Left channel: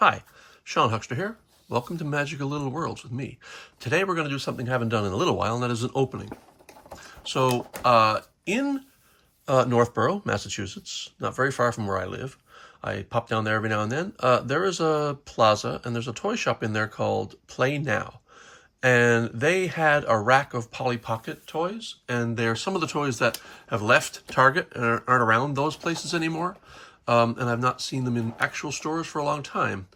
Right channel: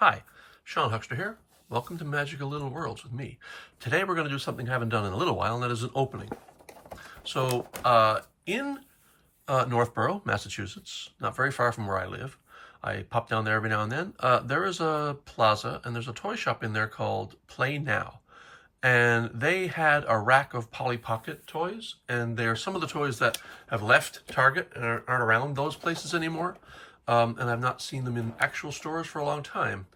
Hi, Sean Huckster here. Welcome to Magical Little Worlds with me. Today we're going to do something I haven't done in a little while, and that is an opening. So in Northborough, Massachusetts, not very far from where I live, I pop down there every now and then, there is a plaza, and there's a toy shop in there called Play Now. And they had a rack of Polly Pocket toys, and they're some of the toys that have left Target and aren't around those places anymore. And I've not seen them in actual stores for a long time.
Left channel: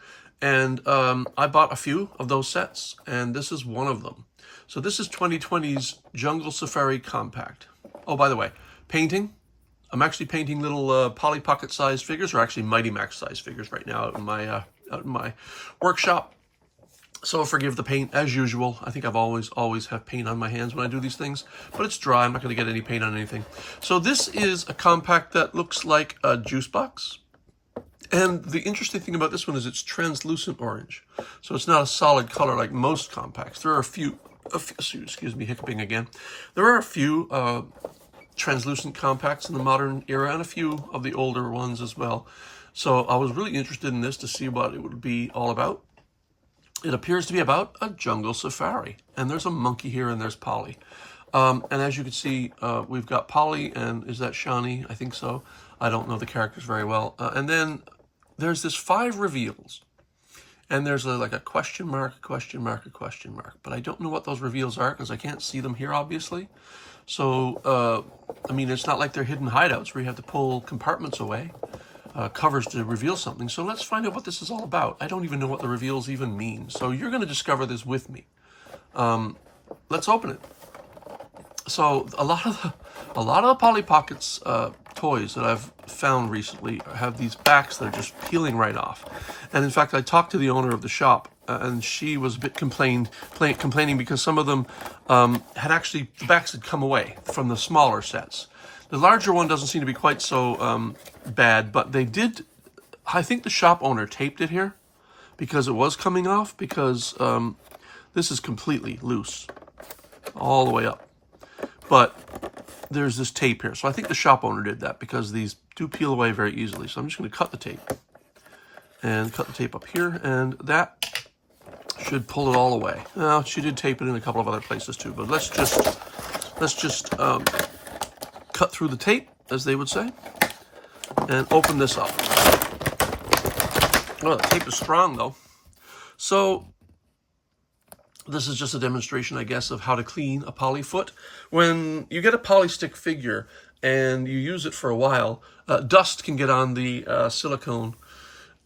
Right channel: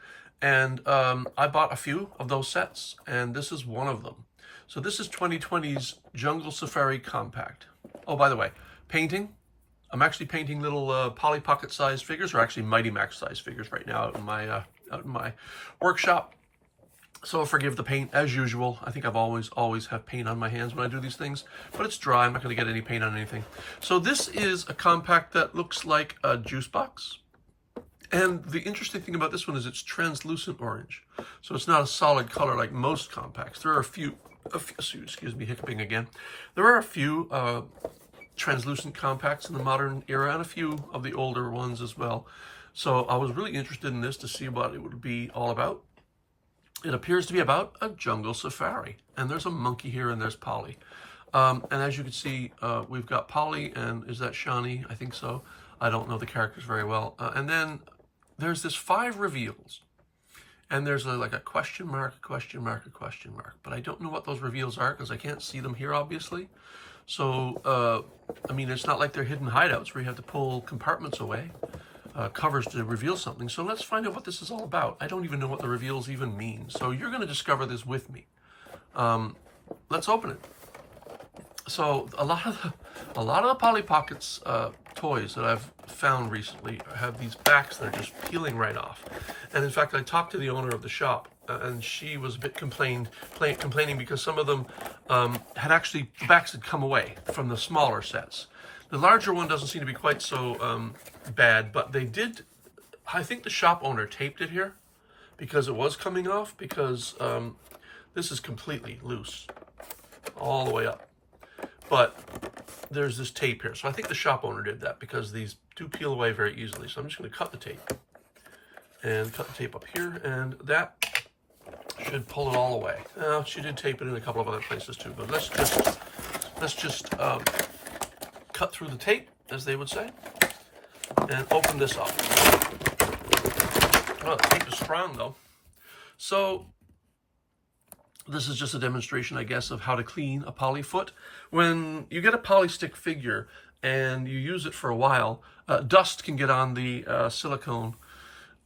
And I bought a few of those sets, and this is one of them. So this is 2020's Jungle Safari Compact. Oh, by the way, painting. I'm actually painting little Polly Pocket sized figures, or actually Mighty Max sized figures right now out in my workshop. So forgive the paint as usual. I think I've always have paint on my hands when I do these things, but it's dry. I'm not going to get any paint on anything. So this is a compact that looks like a juice box. And the interesting thing about this one is it's translucent orange. So it's not a solid color like most compacts. There are a few excuse me, hiccuping again. There are a few translucent compacts in the modern era and a few of the older ones as well. So I was really interested in this to see what it would be all about. It appears to be about a jungle safari, and there's a monkey here, and there's Polly. And as you can see, we've got Polly, and is that Shawnee? I think so. I don't know the characters very well. And then there's this 5 reveals, and there's like a question mark, a question mark, a question mark. But I don't know what those reveals are because I can't see them here, obviously. So, I mean, it's not like they're hidden hideouts where you have to pull compartments away. Covers to reveal something. So let's find out what this is all about. I don't even know what the reveals even mean. So you're going to discover this with me. Let's open it. So a lot of the Polly Pockets toys that I've found recently have these backs that are just peeling right off. And in fact, I talked to the owner of the shop, and she was a bit complaining because some of them the backs had come away from the smaller sets. The larger one doesn't seem to be quite so bad, but they did, I think the shop owner taped it here because it was coming off, because this is completely loose all the way up. But there's this tape here. So I think the shop owner did that because these do peel away very easily. So I'm just going to cut the tape and cut the tape up here, and that should pull it all away. Now, she did tape it in a couple of other places too, but let's just cut through the tape, as they would say, and open this up. Oh, the tape is strong though. So this is just a demonstration, I guess, of how to clean a Polly foot. When you get a Polly stick figure and you use it for a while, dust can get on the silicone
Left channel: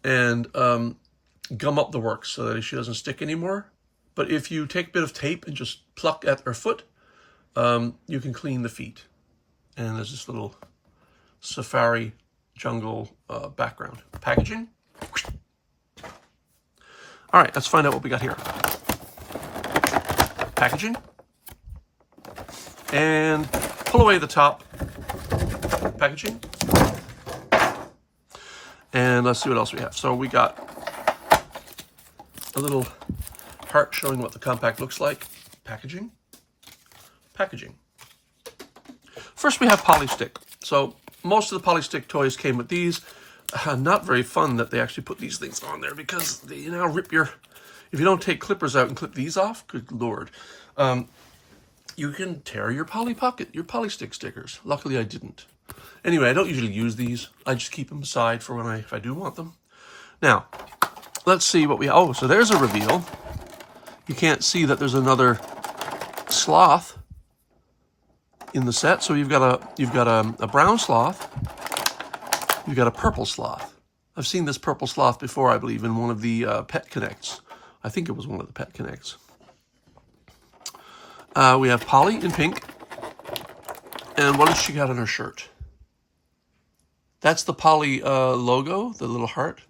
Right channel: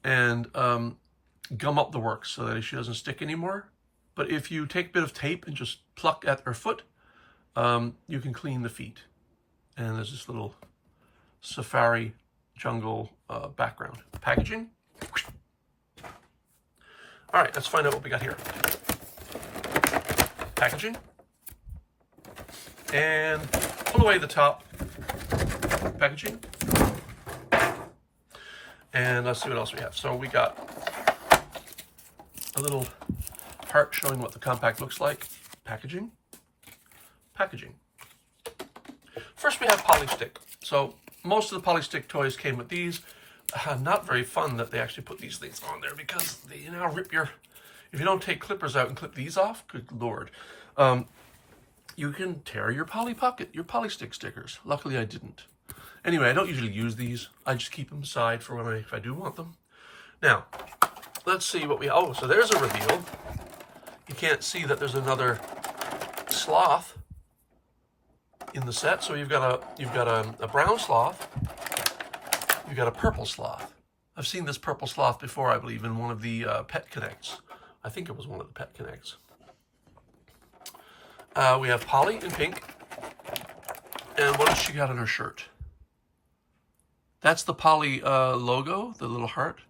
and gum up the works so that she doesn't stick anymore. But if you take a bit of tape and just pluck at her foot, you can clean the feet. And there's this little safari jungle background. Packaging. All right, let's find out what we got here. Packaging. And pull away the top. Packaging. And let's see what else we have. So we got a little heart showing what the compact looks like. Packaging. Packaging. First, we have Polly Stick. So most of the Polly Stick toys came with these. Not very fun that they actually put these things on there because they now rip your... If you don't take clippers out and clip these off, good Lord, you can tear your Polly Polly Stick stickers. Luckily, I didn't. Anyway, I don't usually use these. I just keep them aside for when if I do want them. Now, let's see what we have. Oh, so there's a reveal. You can't see that there's another sloth in the set. So you've got a brown sloth, you've got a purple sloth. I've seen this purple sloth before, I believe, in one of the Pet Connects. I think it was one of the Pet Connects. We have Polly in pink, and what has she got on her shirt? That's the Polly logo, the little heart,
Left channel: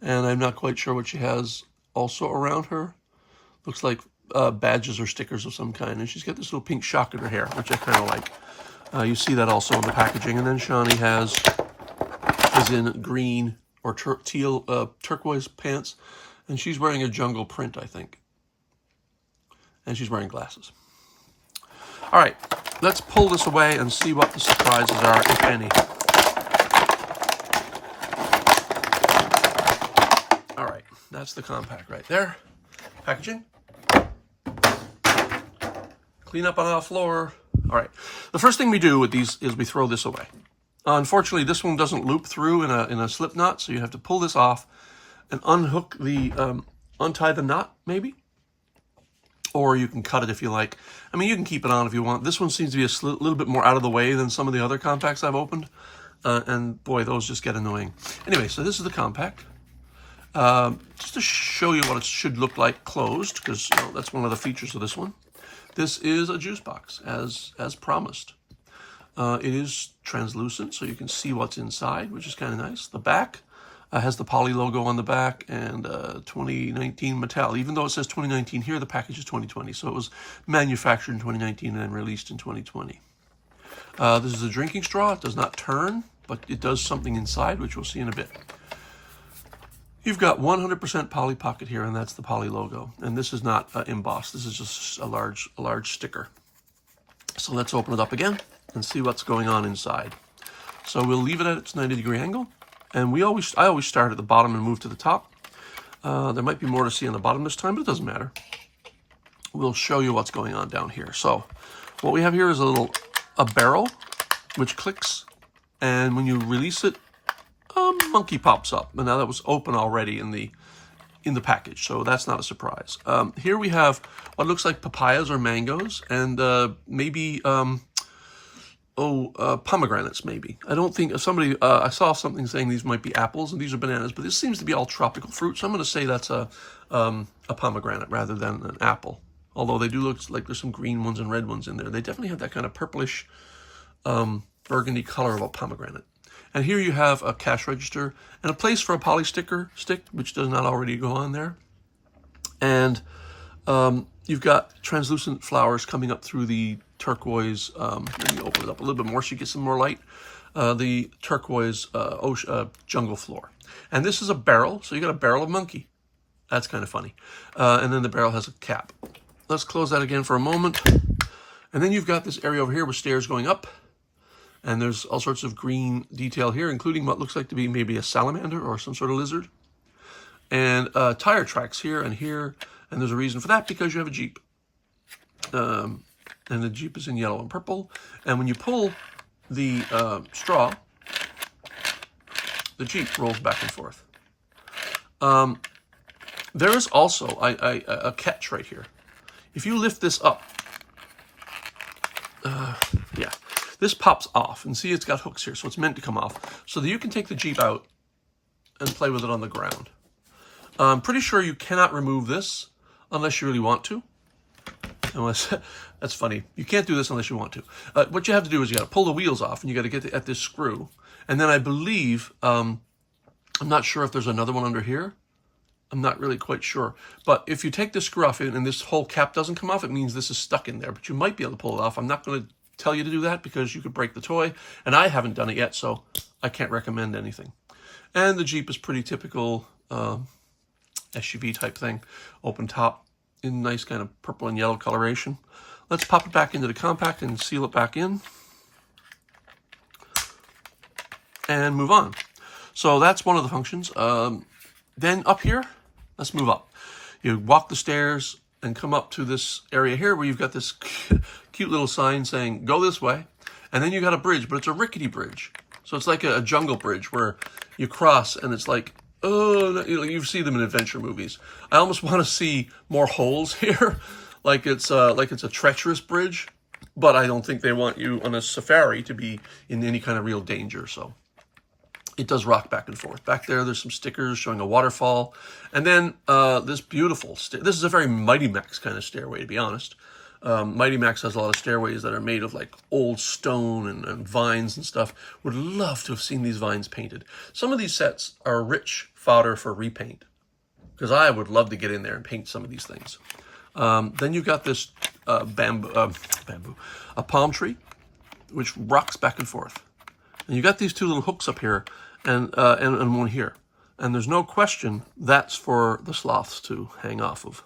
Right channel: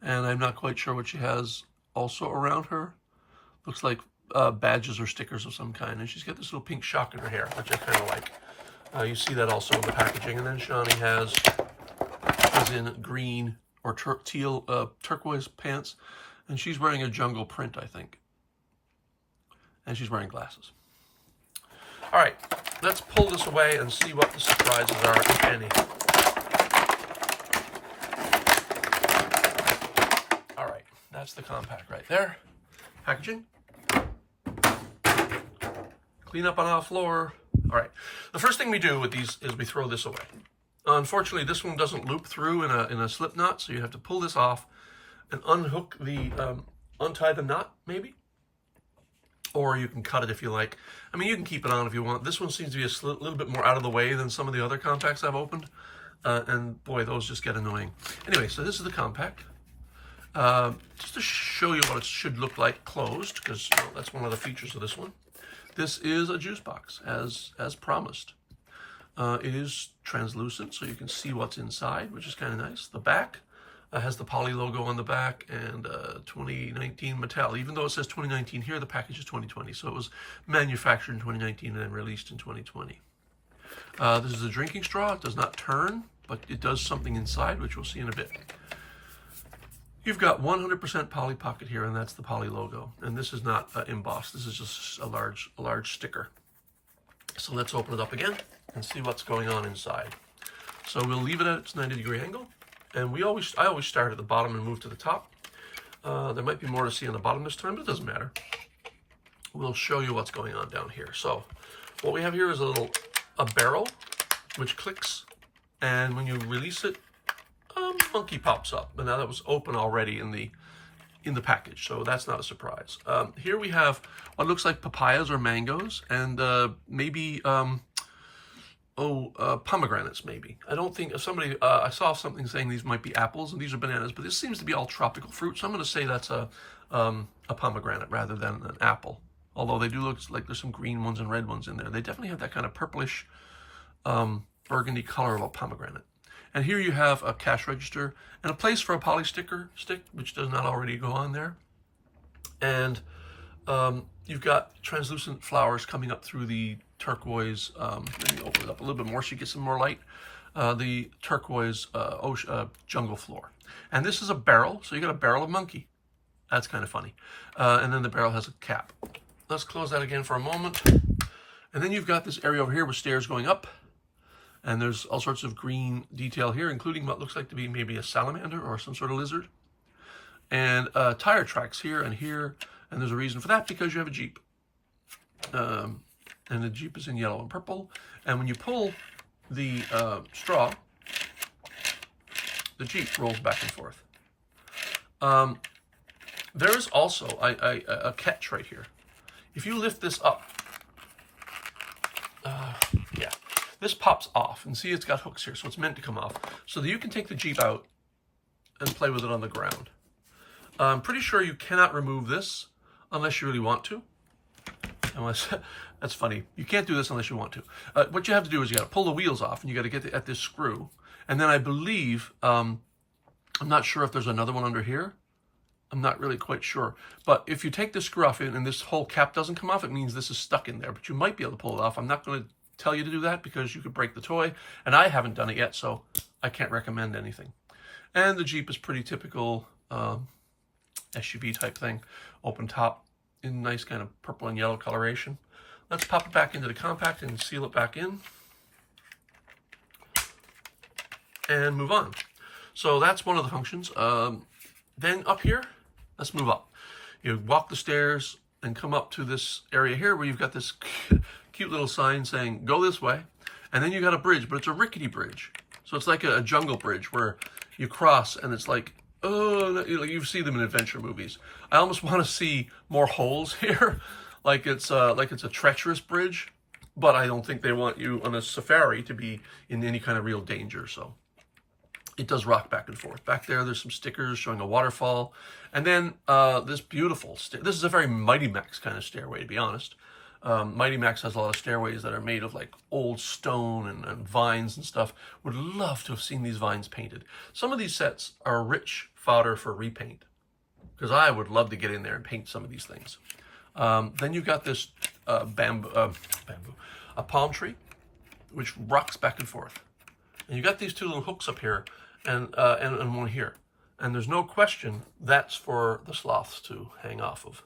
and I'm not quite sure what she has also around her. Looks like badges or stickers of some kind, and she's got this little pink shock in her hair, which I kind of like. You see that also in the packaging. And then Shawnee has in green or teal turquoise pants, and she's wearing a jungle print, I think, and she's wearing glasses. All right, let's pull this away and see what the surprises are, if any. All right. That's the compact right there. Packaging. Clean up on our floor. All right. The first thing we do with these is we throw this away. Unfortunately, this one doesn't loop through in a slip knot, so you have to pull this off and unhook the, untie the knot, maybe. Or you can cut it if you like. I mean, you can keep it on if you want. This one seems to be a little bit more out of the way than some of the other compacts I've opened. And boy, those just get annoying. Anyway, so this is the compact. Just to show you what it should look like closed, because that's one of the features of this one. This is a juice box, as promised. It is translucent, so you can see what's inside, which is kind of nice. The back has the Poly logo on the back and 2019 Mattel. Even though it says 2019 here, the package is 2020. So it was manufactured in 2019 and released in 2020. This is a drinking straw. It does not turn, but it does something inside, which we'll see in a bit. You've got 100% Poly pocket here, and that's the Poly logo. And this is not embossed. This is just a large sticker. So let's open it up again and see what's going on inside. So we'll leave it at its 90-degree angle. And I always start at the bottom and move to the top. There might be more to see on the bottom this time, but it doesn't matter. We'll show you what's going on down here. So what we have here is a barrel, which clicks, and when you release it, a monkey pops up. And now that was open already in the package, so that's not a surprise. Here we have what looks like papayas or mangoes, and maybe pomegranates, maybe. I don't think I saw something saying these might be apples and these are bananas, but this seems to be all tropical fruit, so I'm going to say that's a pomegranate rather than an apple. Although they do look like there's some green ones and red ones in there. They definitely have that kind of purplish burgundy color of a pomegranate. And here you have a cash register and a place for a Poly stick, which does not already go on there. And you've got translucent flowers coming up through the turquoise, let me open it up a little bit more so you get some more light, the turquoise jungle floor. And this is a barrel, so you got a barrel of monkey. That's kind of funny. And then the barrel has a cap. Let's close that again for a moment. And then you've got this area over here with stairs going up. And there's all sorts of green detail here, including what looks like to be maybe a salamander or some sort of lizard. And tire tracks here and here. And there's a reason for that, because you have a Jeep. And the Jeep is in yellow and purple. And when you pull the straw, the Jeep rolls back and forth. There is also a catch right here. If you lift this up, yeah, this pops off. And see, it's got hooks here, so it's meant to come off. So that you can take the Jeep out and play with it on the ground. I'm pretty sure you cannot remove this unless you really want to. That's funny. You can't do this unless you want to. What you have to do is you got to pull the wheels off, and you got to get at this screw. And then I believe, I'm not sure if there's another one under here. I'm not really quite sure. But if you take this screw off and this whole cap doesn't come off, it means this is stuck in there. But you might be able to pull it off. I'm not going to tell you to do that because you could break the toy. And I haven't done it yet, so I can't recommend anything. And the Jeep is pretty typical SUV type thing. Open top in nice kind of purple and yellow coloration. Let's pop it back into the compact and seal it back in. And move on. So that's one of the functions. Then up here, let's move up. You walk the stairs and come up to this area here where you've got this cute little sign saying, go this way. And then you got a bridge, but it's a rickety bridge. So it's like a jungle bridge where you cross and it's like, oh, you see them in adventure movies. I almost want to see more holes here, like it's a treacherous bridge, but I don't think they want you on a safari to be in any kind of real danger. So it does rock back and forth. Back there's some stickers showing a waterfall, and then this beautiful this is a very Mighty Max kind of stairway, to be honest. Mighty Max has a lot of stairways that are made of like old stone and vines and stuff. Would love to have seen these vines painted. Some of these sets are rich fodder for repaint, because I would love to get in there and paint some of these things. Then you've got this a palm tree, which rocks back and forth. And you got these two little hooks up here and one here. And there's no question that's for the sloths to hang off of.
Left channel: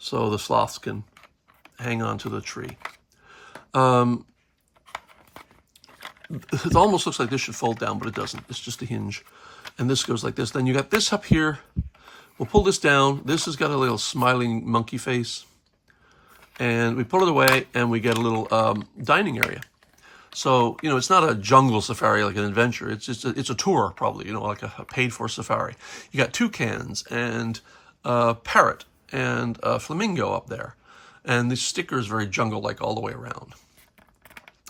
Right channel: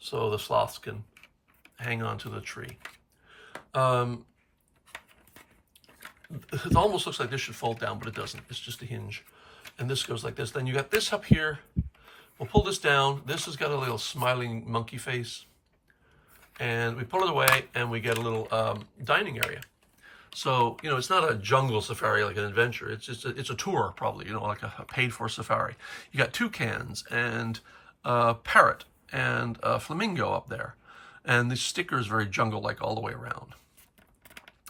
So the sloths can hang on to the tree. It almost looks like this should fold down, but it doesn't. It's just a hinge. And this goes like this. Then you got this up here, We'll pull this down. This has got a little smiling monkey face. And we pull it away and we get a little dining area. So, you know, it's not a jungle safari like an adventure. It's just it's a tour probably, you know, like a paid-for safari. You got toucans and a parrot and a flamingo up there. And the sticker is very jungle-like all the way around.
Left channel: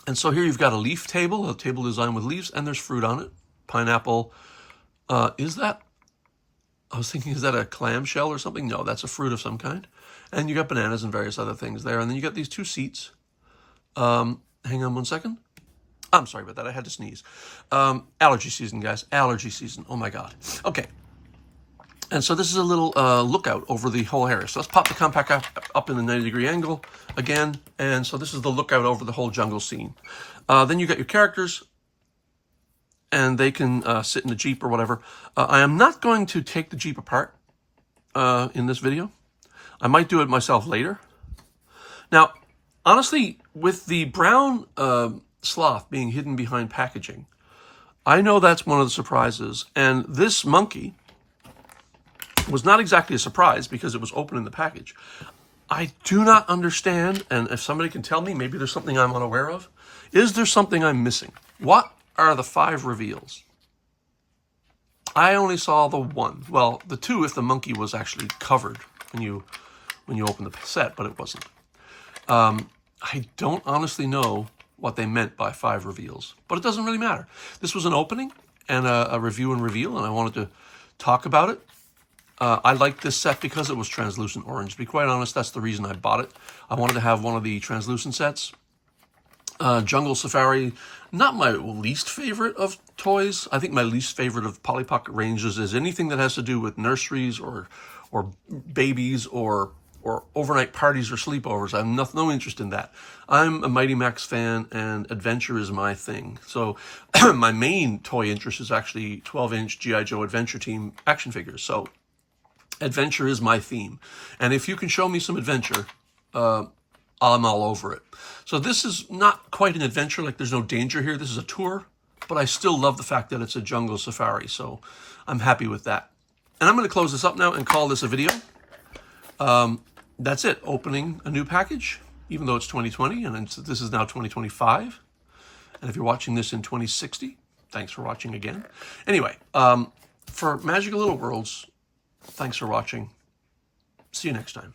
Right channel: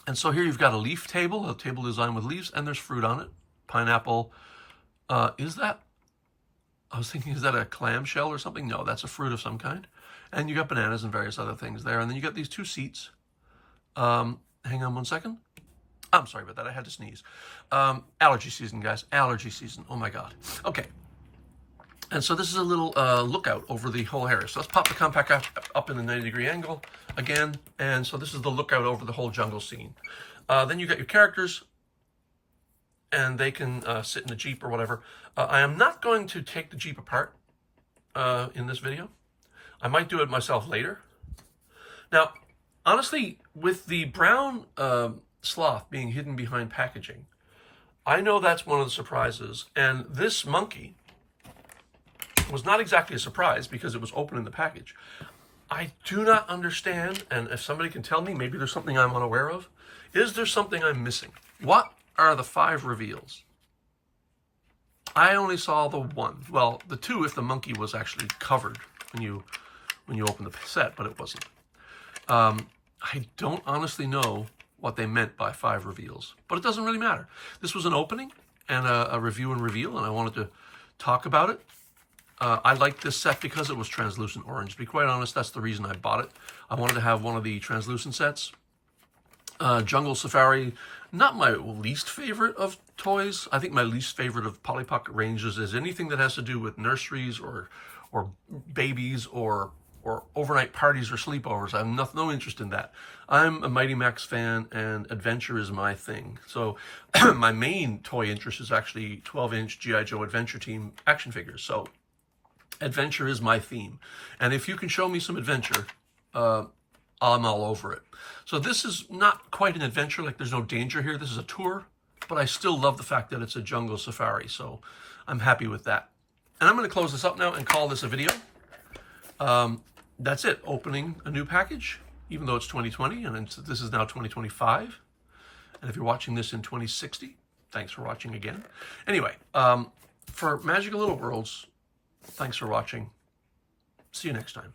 And so here you've got a leaf table, a table designed with leaves, and there's fruit on it. Pineapple. Is that? I was thinking, is that a clamshell or something? No, that's a fruit of some kind. And you got bananas and various other things there. And then you got these two seats. Hang on one second. I'm sorry about that. I had to sneeze. Allergy season, guys. Allergy season. Oh, my God. Okay. And so this is a little lookout over the whole area. So let's pop the compact up in the 90-degree angle again. And so this is the lookout over the whole jungle scene. Then you got your characters. And they can sit in the Jeep or whatever. I am not going to take the Jeep apart in this video. I might do it myself later. Now, honestly, with the brown sloth being hidden behind packaging, I know that's one of the surprises. And this monkey was not exactly a surprise because it was open in the package. I do not understand, and if somebody can tell me, maybe there's something I'm unaware of. Is there something I'm missing? What are the 5 reveals? I only saw the 1. Well, the 2 if the monkey was actually covered when you open the set, but it wasn't. I don't honestly know what they meant by 5 reveals, but it doesn't really matter. This was an opening and a review and reveal, and I wanted to talk about it. I liked this set because it was translucent orange. To be quite honest, that's the reason I bought it. I wanted to have one of the translucent sets. Jungle Safari, not my least favorite of toys. I think my least favorite of Polly Pocket ranges is anything that has to do with nurseries or babies or overnight parties or sleepovers. I have no interest in that. I'm a Mighty Max fan, and adventure is my thing. So my main toy interest is actually 12-inch G.I. Joe Adventure Team action figures. So adventure is my theme. And if you can show me some adventure, I'm all over it. So this is not quite an adventure, like there's no danger here. This is a tour, but I still love the fact that it's a jungle safari. So I'm happy with that. And I'm going to close this up now and call this a video. That's it, opening a new package, even though it's 2020 and this is now 2025. And if you're watching this in 2060, thanks for watching again. Anyway, for Magical Little Worlds, thanks for watching. See you next time.